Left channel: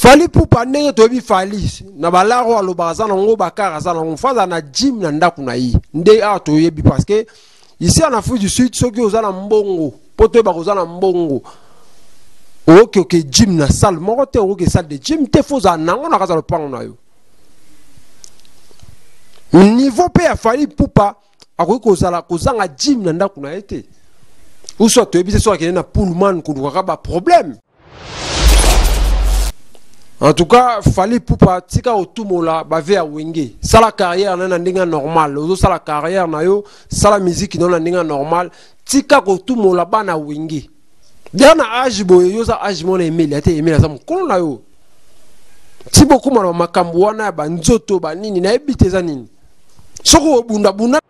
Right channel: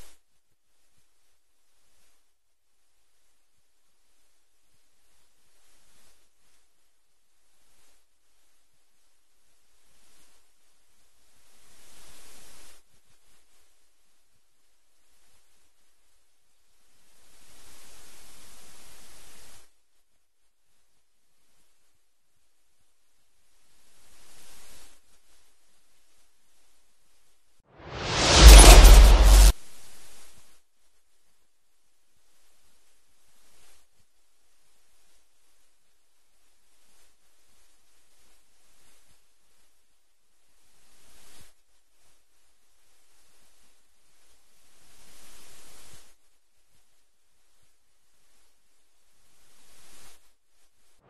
Fali Ipupa ndenge toyebi Fali na balaro alobaza na ngo bakara za na ngo faza na gym na ndaku na yi nde a toyebi parce que ici en Afrique du Sud soki ozana mbongo poto ba kozana mbongo oke gym na salle moko te oke salle de gym te foza nango na kaza lopango na yo niveau pe ya Fali Ipupa akoki kozanga gym na ndaku na ete uso toyebi se so akene na pullman kuluka ba problème. En tout cas, Fali Ipupa tika otumola bave ya wenge. Sala carrière na ndinga normal. Ozo sala carrière na yo, sala musique na ndinga normal. Tika otumola bana wenge. Diana âge boye yo za âge mona Emile ate Emile za mkono na yo. Ti beaucoup na makambo wana ba nzoto ba nini na ebiteza nini. Soko bunda bunda.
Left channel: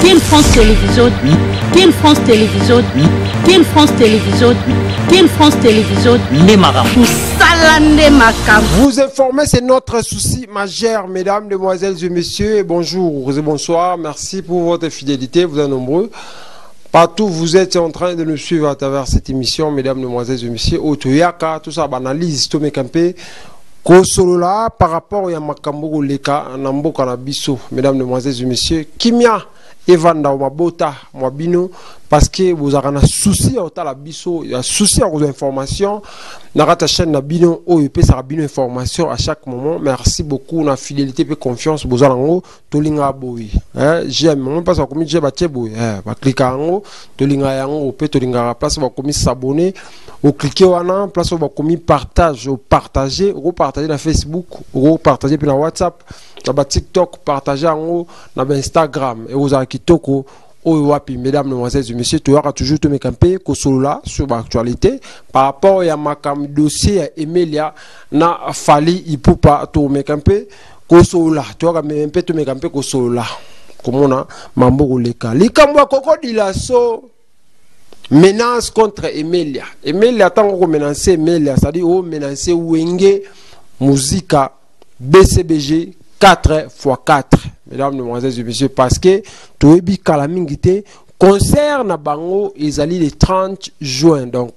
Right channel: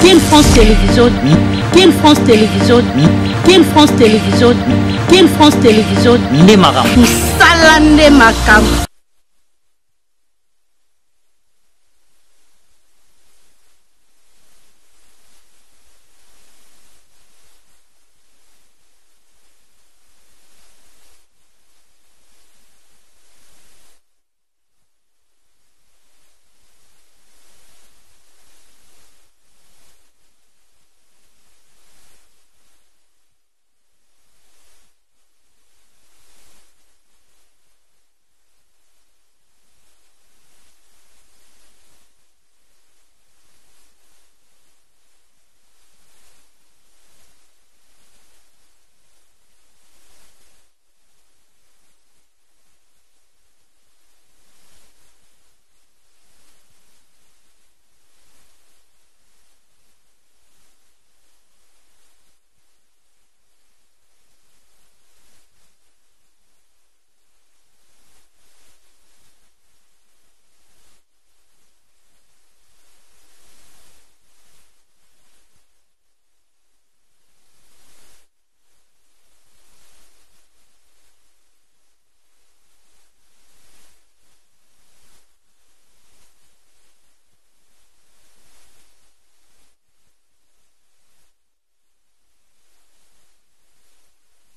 King France Télévision, King France Télévision, King France Télévision, King France Télévision, Vous informer, c'est notre souci majeur, mesdames, demoiselles et messieurs, et bonjour et bonsoir. Merci pour votre fidélité, vous êtes nombreux. Partout vous êtes en train de nous suivre à travers cette émission, mesdames, demoiselles et messieurs. Otoyaka, tout ça, analyse, Tomé Campé. Kosolola par rapport à Makambo Leka, Nambo Kanabiso, mesdames, demoiselles et messieurs, Kimia, Evanda, Mabota, Mabino, parce que vous avez un souci à la biso, il y a un souci à vos informations. Narata chaîne Nabino, OEP, ça Bino information à chaque moment. Merci beaucoup, la fidélité et confiance, vous avez un Tolinga Boui. J'aime, on passe à commis, j'ai battu Boui. Cliquez en haut, Tolinga Yango, Tolinga place, va commis s'abonner. Vous cliquez en place, vous commis partage, partager, vous partagez dans Facebook, vous partagez dans WhatsApp, dans TikTok, partagez en haut, dans Instagram, et vous avez Kitoko. Mesdames, mesdemoiselles et messieurs, tu auras toujours te camper sur l'actualité par rapport à ma dossier Emilia na Fali Ipupa to me camper kosola tu auras même te me camper kosola comme on a mambo leka likamwa kokodila so menace contre Emilia tango menacer Emilia ça dit oh menacer wenge musica BCBG 4x4. Mesdames, mesdemoiselles et messieurs, parce que Toebi Kalamingite concerne Bango Ezali le 30 juin. Donc,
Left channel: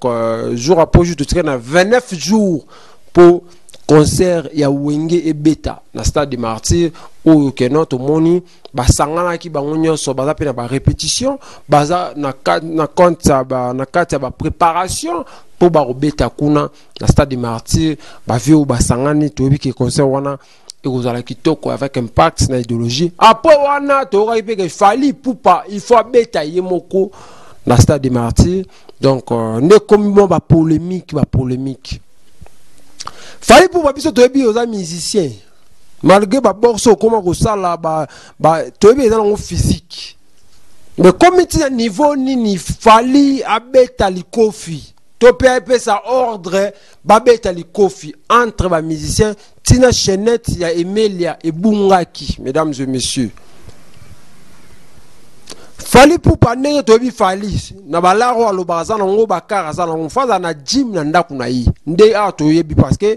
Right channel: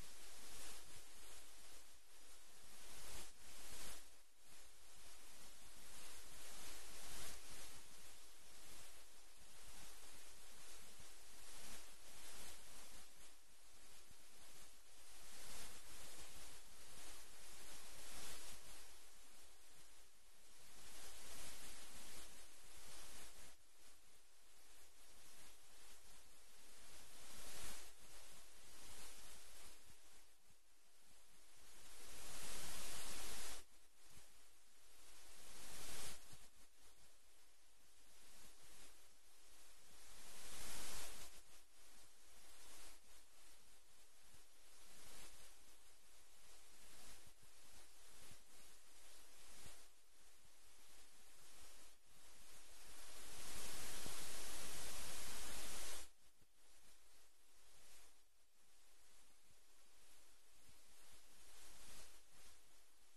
jour après jour, tu as 29 jours pour concert ya Wenge et Beta. Dans le stade de Martyr, où notre moni, basangana ki bangonyo so baza pe na ba répétition, baza na compte na kati ba préparation pour ba Beta kuna na stade de Martyr, ba vieux basangani Toebi ki concert wana et vous allez quitter avec impact dans l'idéologie. Après, il Fali Ipupa, il faut bêta yemoko dans le stade des martyrs. Donc, ne comme ba polémique. Fali Ipupa, biso toyebi aux musiciens. Malgré ba borso comment ko sala toyebi dans le physique. Mais comme il y a niveau ni Fali abeta likofi. Topé sa ordre babeta likofi entre les musiciens Tina Chenette ya Emilia et Bungaki, mesdames et messieurs. Fali Ipupa ndenge toyebi Fali na balaro alobaza na ngo bakara za na ngo faza na gym na ndaku na yi nde a toyebi parce que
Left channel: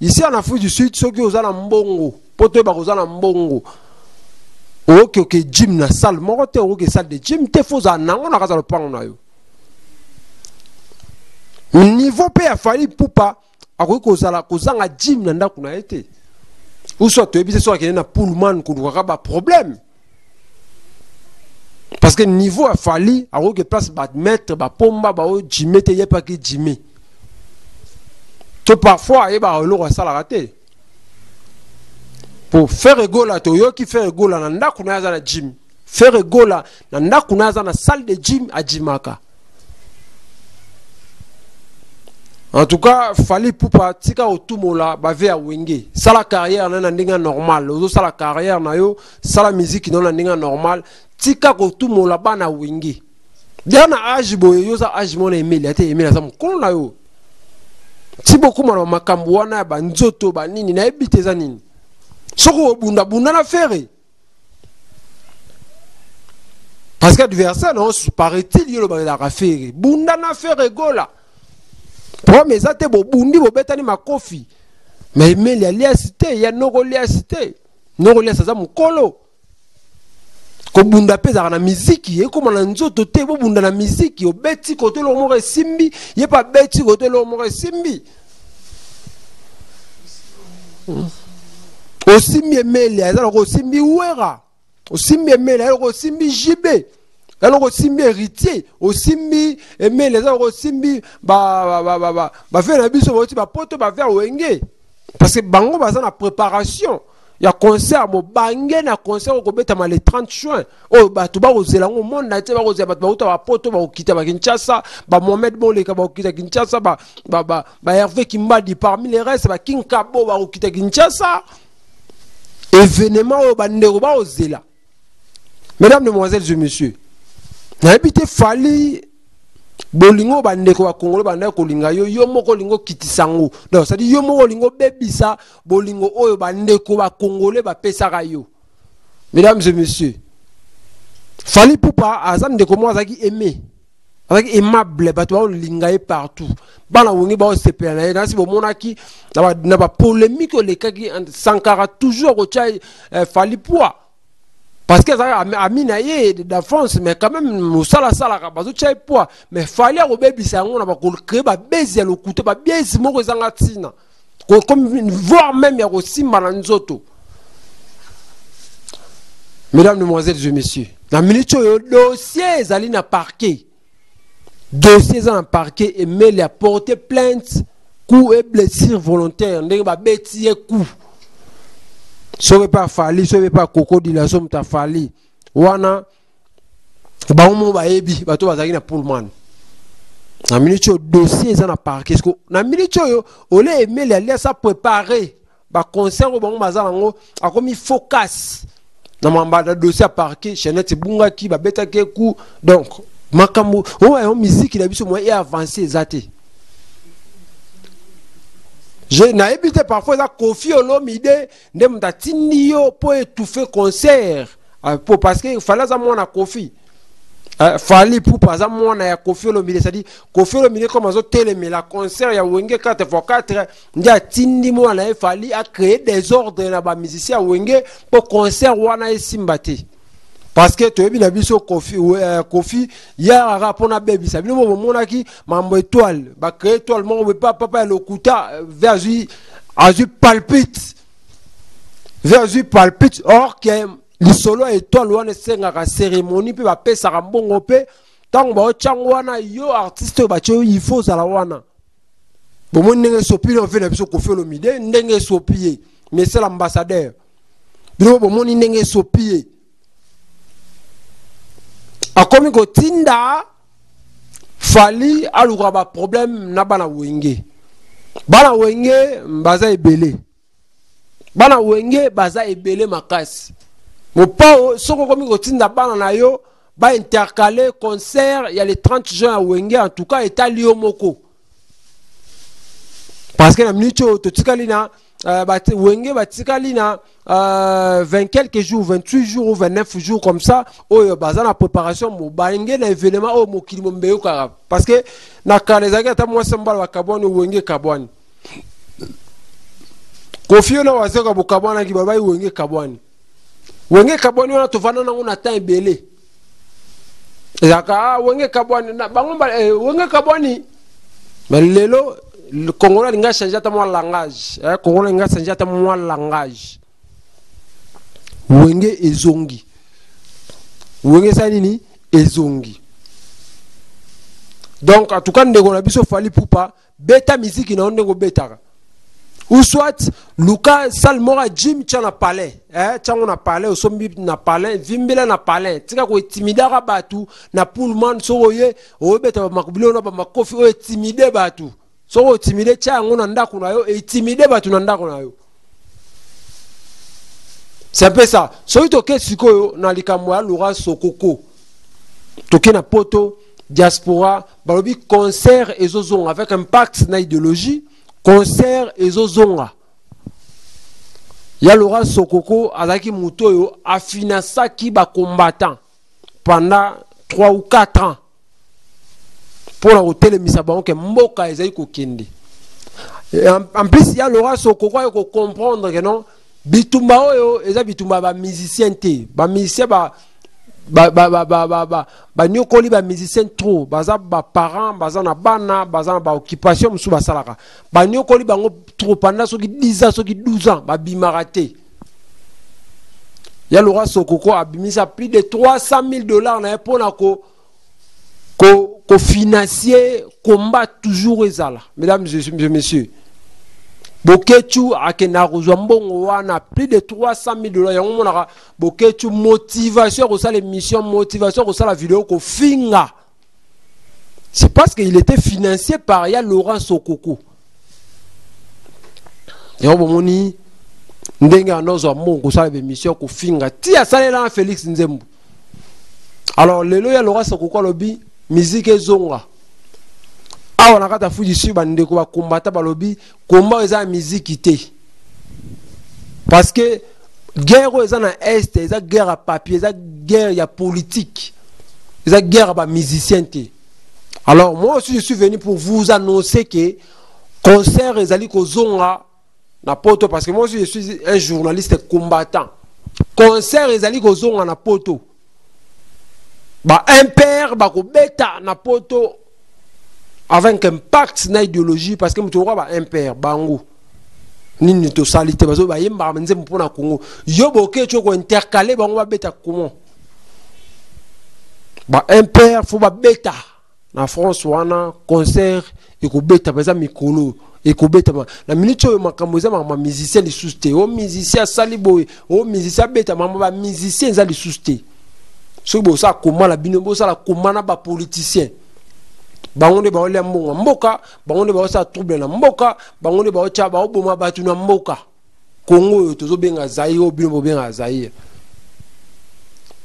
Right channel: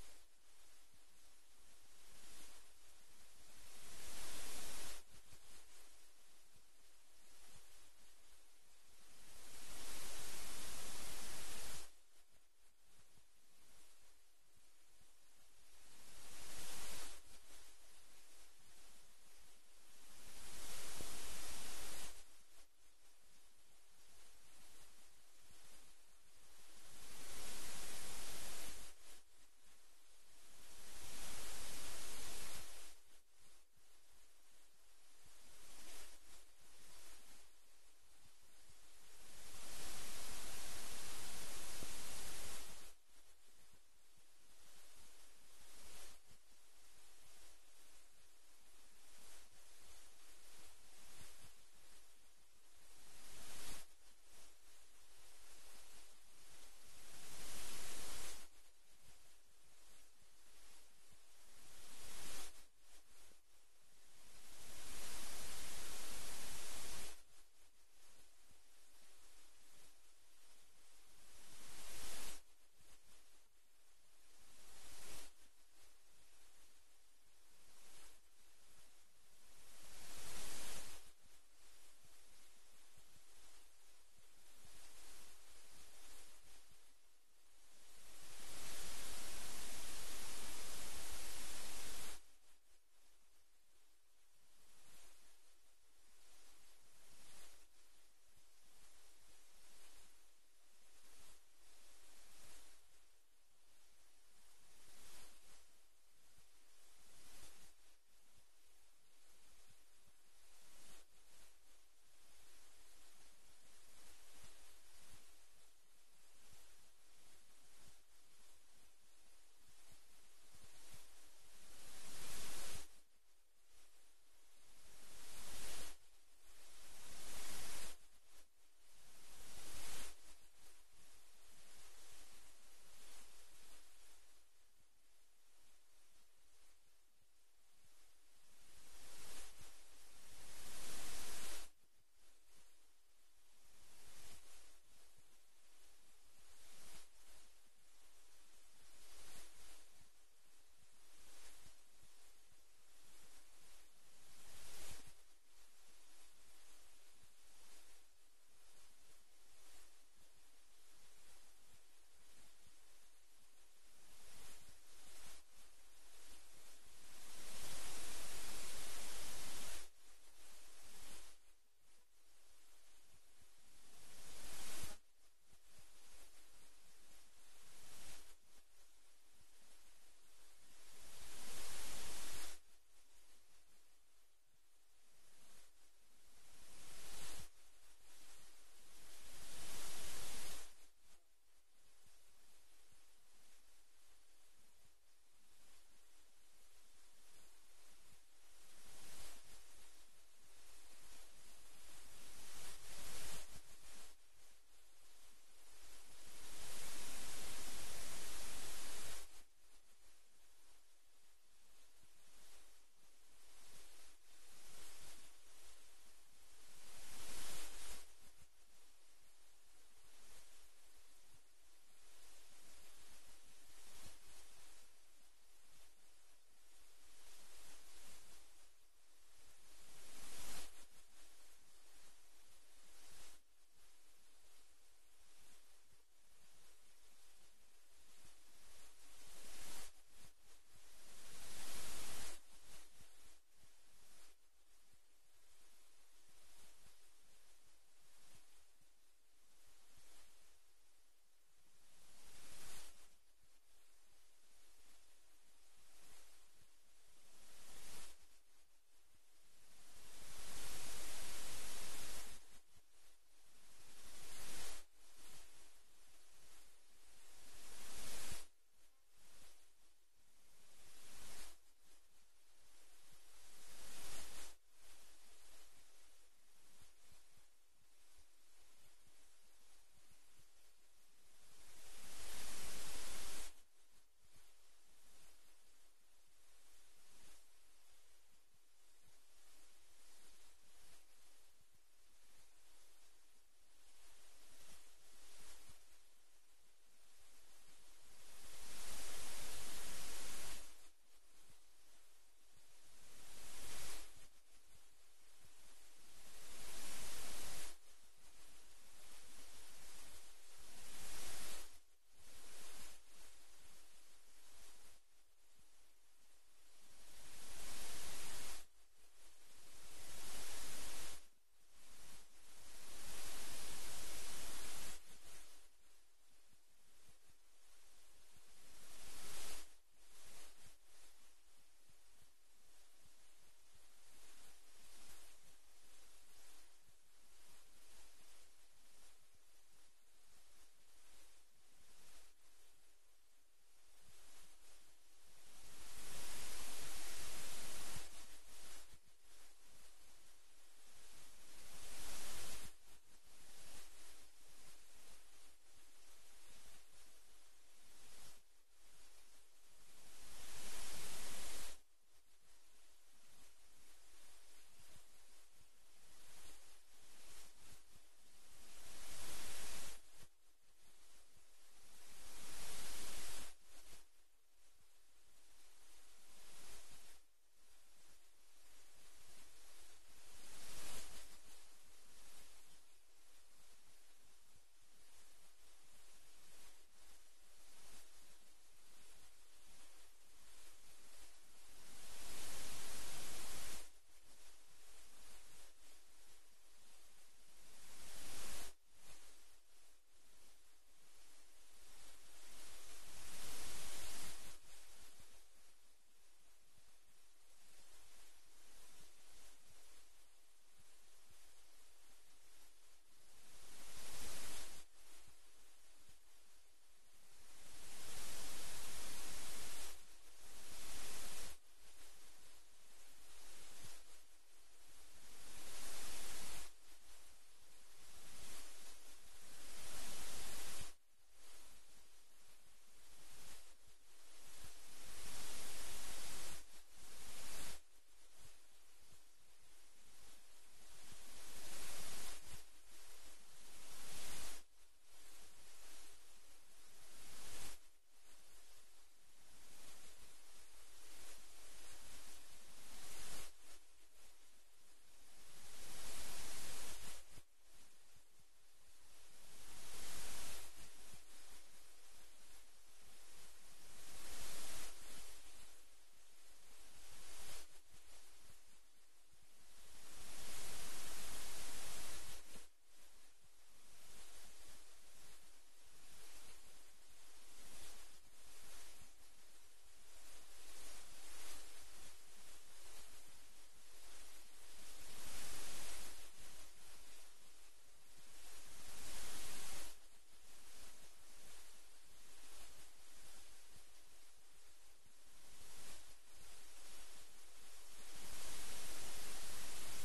ici en Afrique du Sud soki ozana mbongo poto ba kozana mbongo oke gym na salle moko te oke salle de gym te foza nango na kaza lopango na yo. Niveau pe ya Fali Ipupa akoki kozanga gym na ndaku na ete uso toyebi se so akene na pullman kuluka ba problème parce que niveau ya Fali akoki place ba mettre ba pomba ba o jimete ye pa ki jime to parfois ba loko sala raté pour faire égola to yo ki faire égola na ndaku na za na gym faire égola na ndaku na za na salle de gym a jimaka. En tout cas, Fali Ipupa tika otumola bave ya wenge. Sala carrière na ndinga normal. Ozo sala carrière na yo, sala musique na ndinga normal. Tika otumola bana wenge. Diana âge boye yo za âge mona Emile ate Emile za mkono na yo. Ti beaucoup na makambo wana ba nzoto ba nini na ebiteza nini. Soko bunda na fere. Parce que adversaire non paraît-il yo ba la rafere. Bunda na fere gola. Mais ça te bobundi bobetani makofi. Mais Emilia liasité, il y a noko liasité. Noko liasité za mukolo. ko bunda peza na miziki e ko na nzoto te bo bunda na miziki o beti côté lo mo simbi ye pa beti côté lo mo simbi o simbi emele azala ko simbi wera o simbi emele ko simbi jibe alors ko simbi héritier o simbi emele azala ko simbi ba faire na biso ba poto ba faire wenge parce que bango baza na préparation. Il y a concert, il na concert au Kobetama le 30 juin. Oh, bah, tu vas au Zélango, monde, na te vas au Zélango, bah, poto, bah, quitter bah, Kinshasa, bah, Mohamed Boleka, bah, quitter Kinshasa, bah, Hervé Kimbadi, parmi les restes, bah, King Kabo, bah, quitter Kinshasa. Événement, bah, Ndero, bah, au Zéla. Mesdames, Demoiselles et Messieurs, n'a habité Fali, bolingo bandeko ba Congolais bandeko kolinga yo moko lingo kitisango donc ça dit yo moko lingo bebisa bolingo oyo bandeko ba Congolais ba pesaka yo. Mesdames et messieurs, Fali Poupa azam ndeko mo azaki aimé azaki aimable bato ba linga partout bana wongi ba sepela na si bo monaki na ba polémique le kaki Sankara toujours ko chai Fali Poupa. Parce que ça a mis de France, mais quand même, nous sala bazo tchai poa, mais fallait au bébé ça on a pas créer ba baiser le couteau ba bien si mo zangatina. Comme voir même ya aussi malanzoto. Mesdames, Demoiselles et Messieurs, la minute yo dossier zali na parquet. Dossier dans parquet et mais il a porté plainte coup et blessure volontaire, ndenge ba betier coup. Sauve pas Fali, sauve pas Cocody la somme ta Fali. Wana ba umu ba ebi bato bazaki na Pullman. Na minute dossier ça na parquet parce que na minute yo olé aimer les aller ça préparer ba concert ba bazango a comme focus. Na mamba dossier à parquet Chenette bunga ki ba beta ke ku donc makambo o musique la biso moi est avancé zaté. Je n'ai évité parfois la Kofi Olomide de m'tatini yo pour étouffer concert parce que fallait ça moi na Kofi fallait pour pas ça moi na Kofi Olomide ça dit Kofi Olomide comme ça télé mais la concert ya wenge 4x4 ndia tindi moi na fallait à créer des ordres na ba musicien wenge pour concert wana esimbate. Parce que tu as vu la biso Kofi hier à rapona baby ça bino mo monaki mambo étoile ba créer étoile mon papa le kuta vers azu palpite or que le solo étoile wana senga ka cérémonie pe ba pesa ka mbongo pe tango ba changwana yo artiste ba cho il faut ça la wana bon mon ndenge sopi on fait la biso Kofi Olomide ndenge sopi mais c'est l'ambassadeur bino bon mon ndenge sopi a comme ko tinda Fali aluka ba problème na bana wenge baza ebele makasi mo pa soko comme ko tinda bana na yo ba intercaler concert il y a le 30 juin à wenge en tout cas etali yo moko parce que na minute to tikali na wenge batikali na 20 quelques jours, 28 jours ou 29 jours comme ça, oh baza na préparation mo baenge na événement oh mokili mo mbeyo kara parce que na kanezaki ata moi sembala bakabwani wenge kabwani Kofi na wazeka bukabwana ki babai wenge kabwani wana tovana nango na temps ebele ezaka wenge kabwani na bango wenge kabwani mais lelo le Congolais nga changer ta moi langage Congolais nga changer ta moi langage wenge ezongi wenge ça nini ezongi donc en tout cas ndeko na biso Fali Poupa beta musique na ndeko betaka ou soit Luka Salmora Jim tchana palais tchango na palais osombi na palais vimbela na palais tika ko intimidara batu na Pullman soye o beta makubilo na ba makofi o intimide batu so intimide tchango na ndako na yo intimide batu na ndako na yo. C'est un peu ça. So itoke sikoyo na likambo ya Laurent Sokoko. Toke na poto diaspora balobi concert ezozonga avec impact na idéologie, concert ezozonga. Ya Laurent Sokoko azaki muto yo afinasaki ba combattant pendant 3 ou 4 ans. Pour la hôtel Misabango ke mboka ezali ko kende. En plus ya Laurent Sokoko ko comprendre que non bitumba oyo eza bitumba ba musicien te ba musicien ba nyokoli ba musicien trop baza ba parents baza na bana baza na ba occupation musu basalaka ba nyokoli bango trop pendant soki 10 ans soki 12 ans ba bimaraté ya Laurent Sokoko abimisa plus de $300,000 na pona ko financier combat toujours ezala. Mesdames et messieurs, Bokechu akena kozwa mbongo wana plus de $300,000 yango monaka Bokechu motivation ko ça l'émission motivation ko ça la vidéo ko finga. C'est parce qu'il était financé par ya Laurent Sokoko. Yo bomoni ndenge anozo mbongo ko ça l'émission ko finga ti asalela Félix Nzembo. Alors lelo ya Laurent Sokoko lobi musique ezonga. Ah, on a quand foutu sur bandeko ba combattre ba lobby combat eza musique té parce que guerre eza na est eza guerre à papier eza guerre ya politique eza guerre ba musicien té. Alors moi aussi je suis venu pour vous annoncer que concert ezali kozonga na poto parce que moi aussi je suis un journaliste combattant. Concert ezali kozonga na poto ba impère ba ko beta na poto avec un impact na idéologie parce que mutu ba impère bango nini to salité bazo ba yemba menze mpona Congo yo boke choko intercaler bango ba beta comment ba impère faut ba beta na France wana concert et ko beta baza mikolo et ko beta na minute yo makambo za ma musicien li susté o musicien saliboy o musicien beta mama ba musicien za li susté so bo sa comment la bino bo sa la comment na ba politicien bangonde ba ole mbongo mboka bangonde ba sa trouble na mboka bangonde ba ocha ba oboma batu na mboka Congo tozo benga Zaïre o bino benga Zaïre.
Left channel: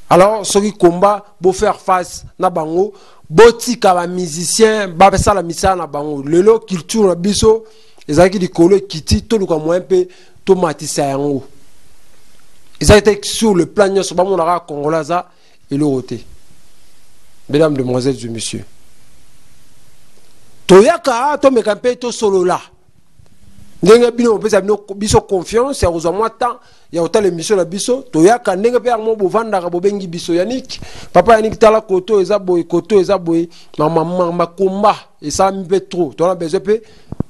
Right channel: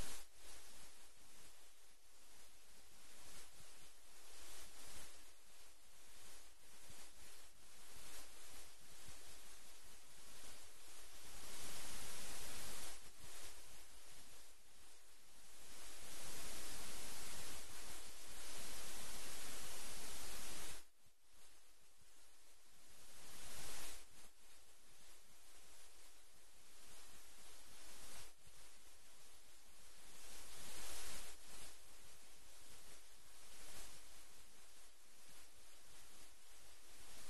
Alors ceux qui combat bo faire face na bango botika ba musicien ba pesa la misa na bango lelo culture na biso ezaki di kolo kiti to luka mo un peu to matisa yango ezaki sur le plan nyoso ba monaka congolaza et le roté. Mesdames, demoiselles et messieurs, toyaka to mekampe to solo la ndenge bino pesa biso confiance ya kozwa mwa temps ya autant l'émission na biso toyaka ndenge pe mo bovandaka bobengi biso Yannick papa Yannick tala koto eza boy mama komba et ça mi pe trop to na besoin pe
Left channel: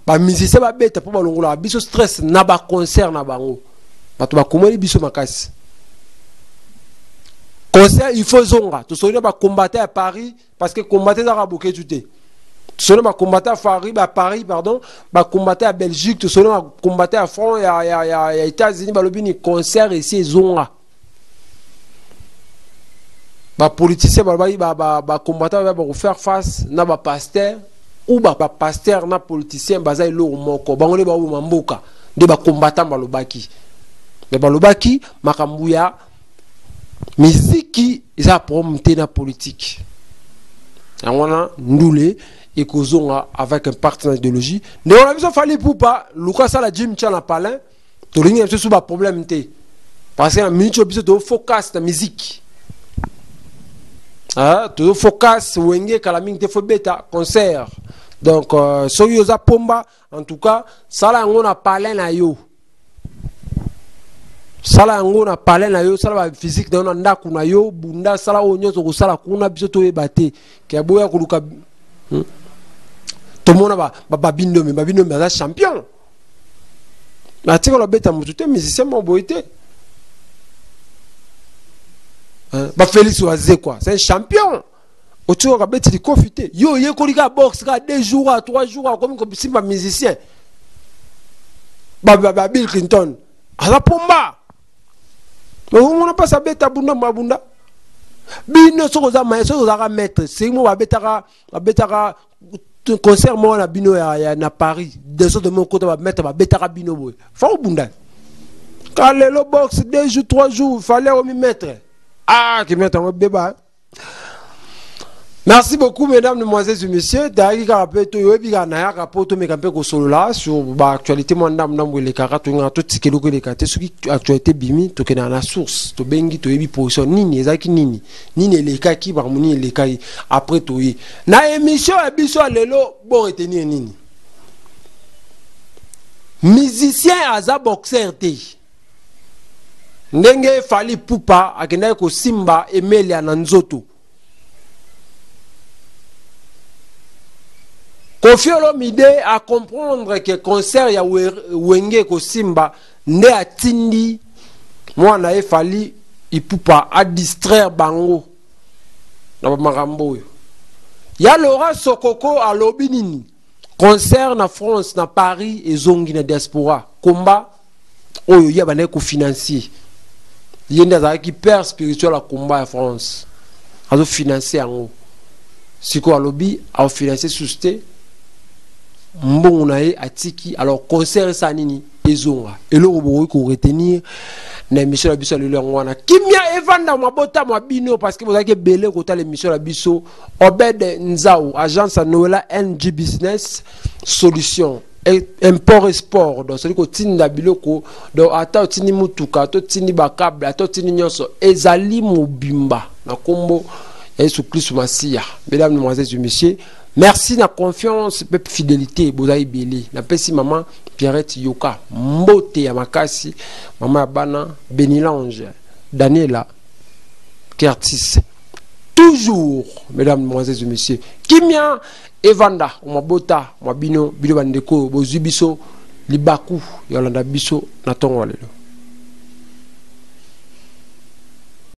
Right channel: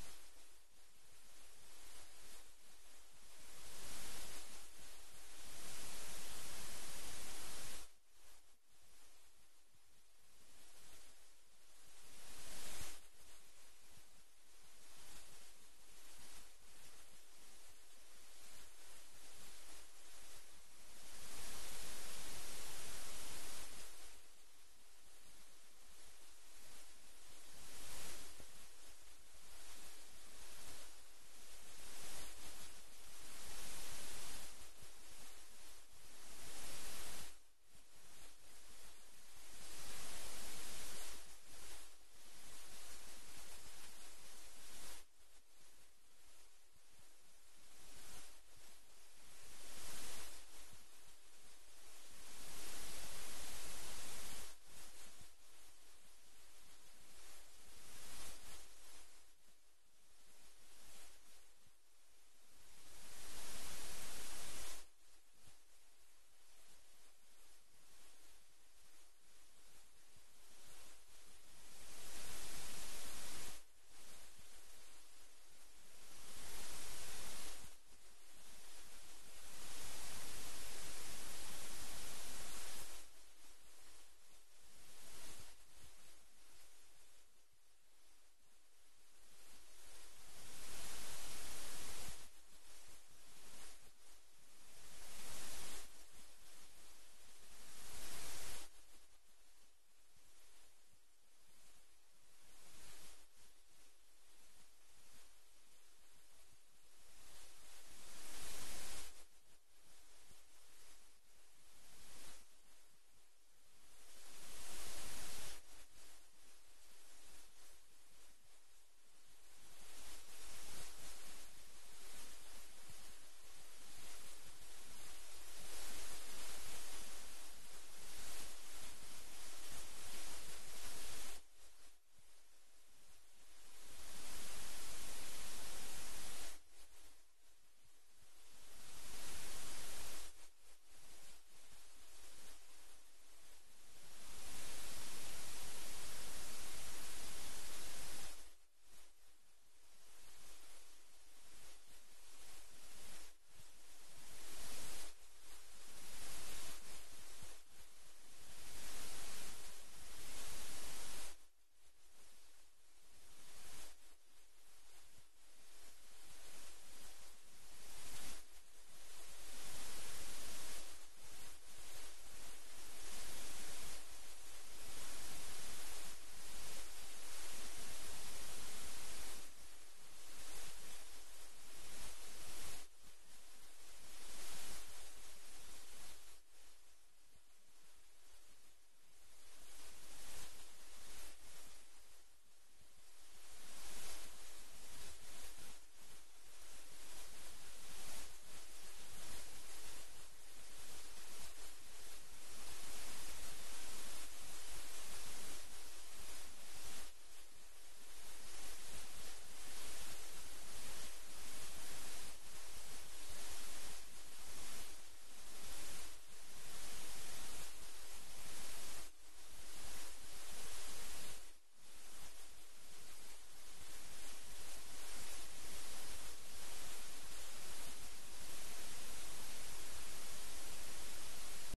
ba musicien ba beta po balongola biso stress na ba concert na bango bato ba komoli biso makasi concert il faut zonga to sonia ba combattre à Paris parce que combattre za boké tuté Solo ma combattre à Paris, pardon, ma combattre à Belgique, solo ma combattre à France, il y a États-Unis, balobini concert ici zonga. Ba politicien ba combattre va faire face na ba pasteur ou ba pasteur na politicien baza ilo moko. Bangole ba mboka de ba combattant balobaki. Mais balobaki makambuya miziki isa promoter na politique. Yango ndule et kozonga avec un partenaire d'idéologie. Mais on a besoin de pour pas Lucas la Jim Chan palin. To ringi un peu problème té. Parce que la minute au besoin de focus la musique. Ah, to focus wenge kalaming te fo beta concert. Donc so yoza pomba en tout cas sala ngona palin na yo. Sala ngona palin na yo sala physique na ndaku na yo bunda sala onyozo ko sala kuna biso to ebate. Ke boya ko luka tout le monde va babino champion. La tire la bête à moutouté, mais c'est mon boité. Félix Oazé quoi, c'est un champion. Autour de la bête de confité. Yo, il y a un boxe, 2 jours, 3 jours, comme si un musicien. Bill Clinton. À la pomba. Mais on n'a pas sa bête à bunda, mabunda. Bino, ce qu'on a mettre, c'est moi, betara. Concert moi na bino ya na Paris des autres de mon côté va mettre ba betara bino boy fa obunda quand le box 2 jours 3 jours fallait au mettre qui mettre un débat. Merci beaucoup mesdames, demoiselles et messieurs. D'ailleurs, rappelle to yobi na ya rapport to mekampe ko solo là sur ba actualité mo ndam ndam le karato nga to tikelo ko le kate sur actualité bimi to kena na source to bengi to yebi position nini ezaki nini le kaki ba moni le kai après to yi na émission biso lelo bon retenir nini musicien aza boxeur te ndenge Fally Ipupa akendaki kosimba Emilia na nzoto. Koffi Olomide a comprendre que concert ya Wenge kosimba nde atindi mwana ye Fally Ipupa a distraire bango na makambo oyo. Ya Laura Sokoko alobi nini concert na France na Paris ezongi na diaspora komba oyo ya bana ko financier yenda za ki père spirituel la combat à France azo financer yango siko alobi a financer susté mbongo na ye atiki alors concert ça nini ezonga eloko boyi ko retenir na émission la biso lelo ngwana kimia evanda mabota mabino parce que vous avez belé kota l'émission la biso Obed Nzao agence à Noëlla NG Business Solution import et sport donc c'est ko tinda biloko donc ata tini mutuka to tini bakable to tini nyonso ezali mobimba na kombo Yesu Christ Masia. Mesdames, Mesdemoiselles et Messieurs, merci na confiance et fidélité bozai belé na pesi maman Pierrette Yoka mbote ya makasi maman bana Benilange Daniela Kertis toujours. Mesdames, Mesdemoiselles et Messieurs, kimia evanda mabota mabino bilo bandeko bozubiso libaku yolanda biso na tongo lelo.